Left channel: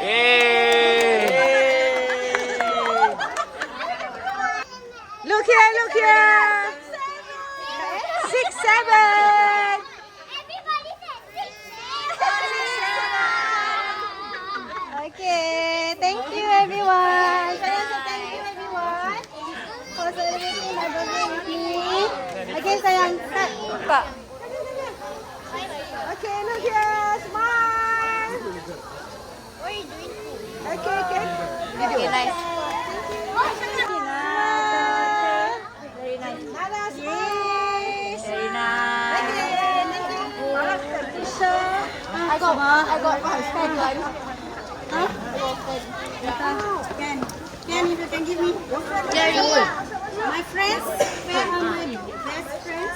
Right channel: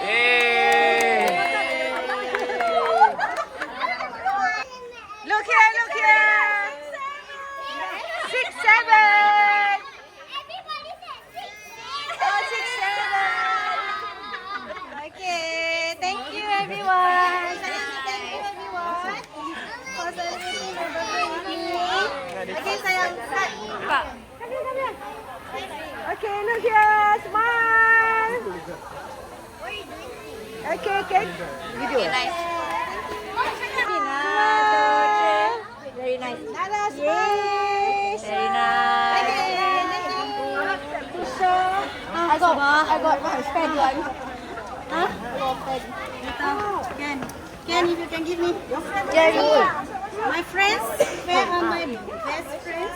Yay! Look here, look here. 6, 7. Okay, thank you everyone. Thank you everyone for celebrating my birthday with me. Okay, sayang. Cut. Okay, look here. Smile. Okay, okay. Okay, nice. Very nice. Yes. Very nice. Okay, thank you. I got spend one. Huh? Ken, if you can give me. My friends, where are my best friends?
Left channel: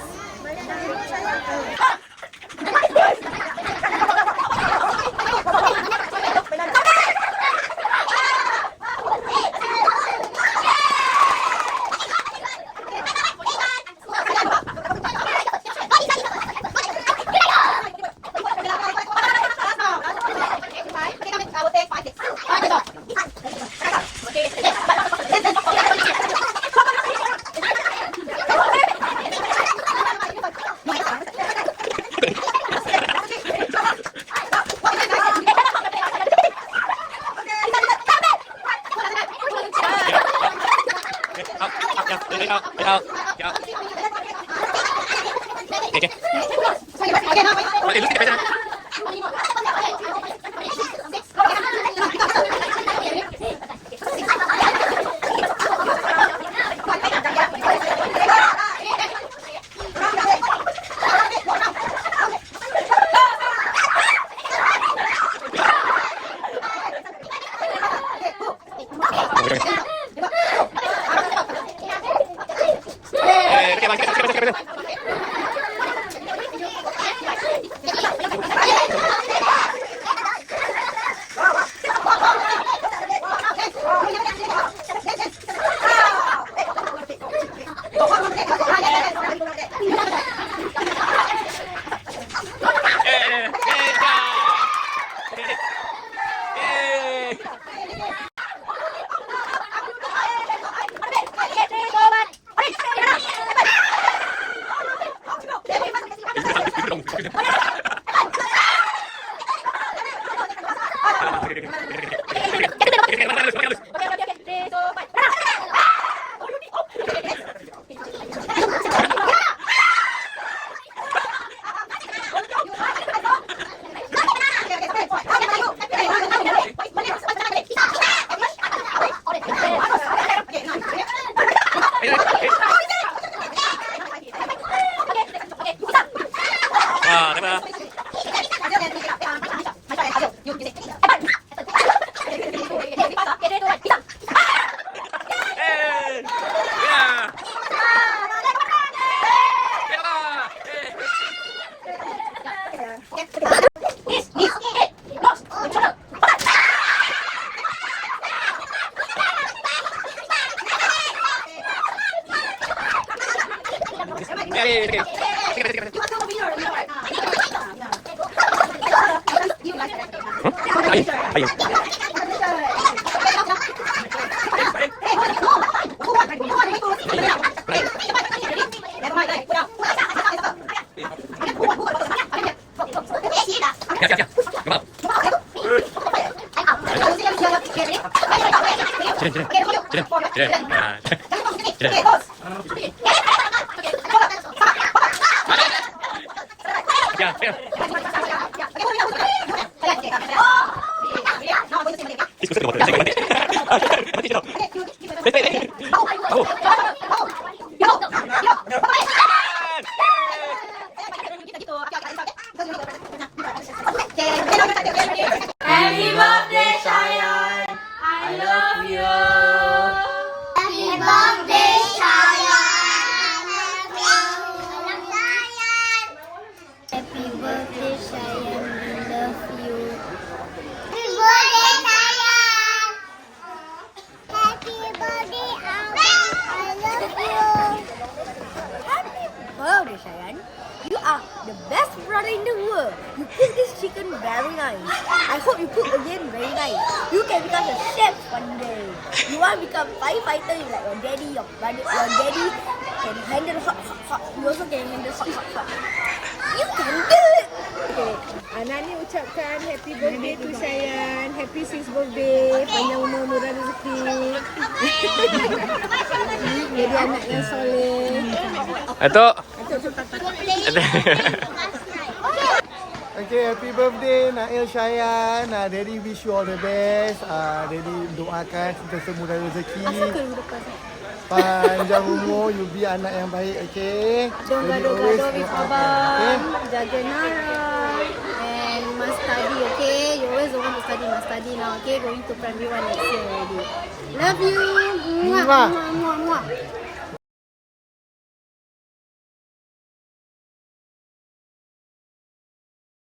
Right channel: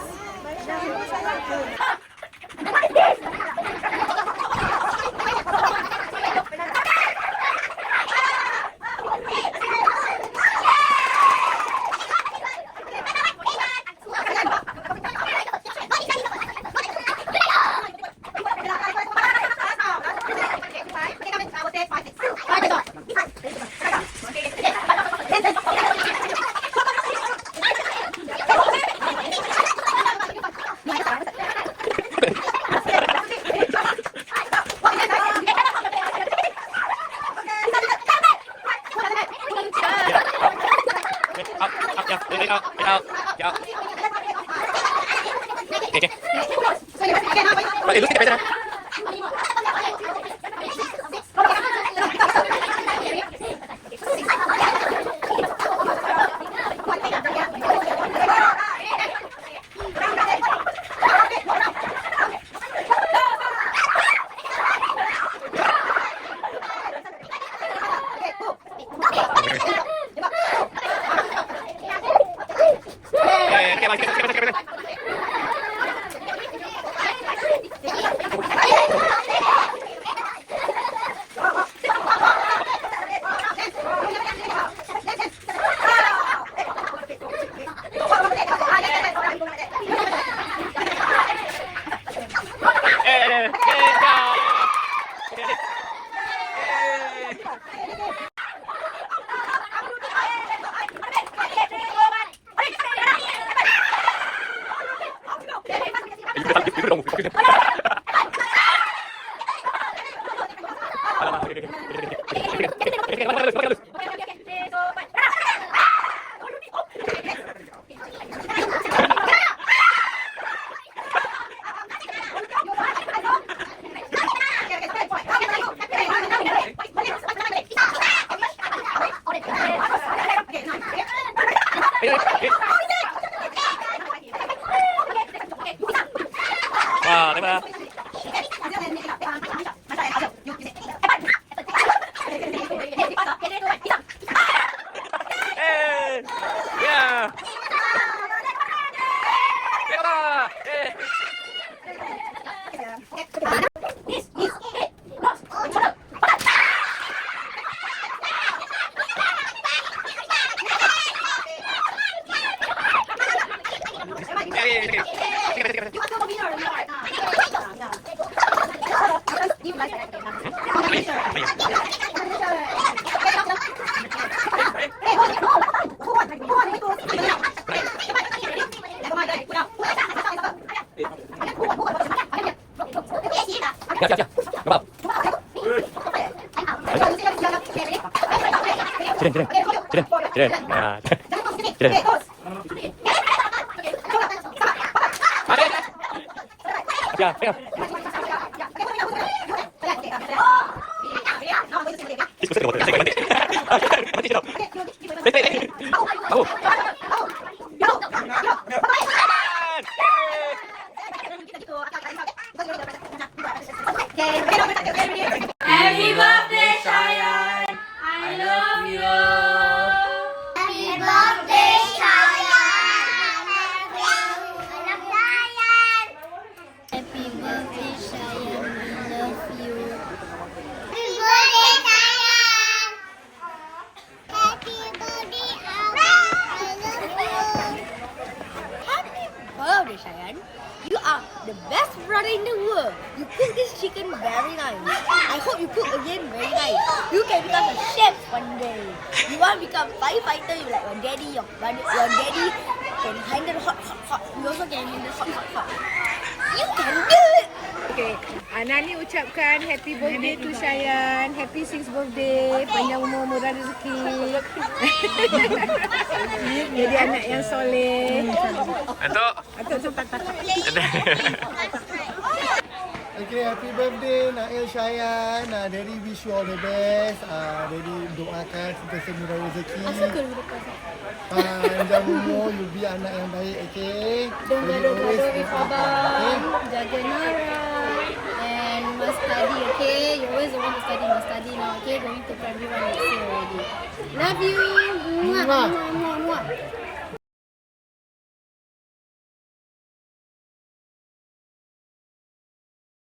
Wow, diba? Hey! Yeah! Happy birthday, Shayan! I love you! Happy birthday, Shayan! Happy birthday, Shayan! We love you. Happy birthday, Shayan! Happy birthday, Abang! I love you. Happy birthday, Shayan! You are are the best brother in the world. You cook this chicken very nice. I hope you cook again very nice. You can become a chef one day. You want to become firefighter, you like your daddy, your daddy can handle hot. You also can handle hot. You can do it. Okay, Nani ucapkan happy birthday to Shayan. Happy 6th birthday. Panjang umur, murah rezeki. Jadi anak yang soleh. Atuk. Atuk cepat. Okay, happy birthday Nail Shayan. Daddy wish you all the best. Daddy doakan sentiasa murah rezeki. Panjang umur, you be anak yang baik, okay? Don't gaduh-gaduh with abang. Jaga Nara. And must study, okay? You always don't want to study, must study now, okay? Going to primary 1 next year already. Love you. Muah, muah, muah, muah.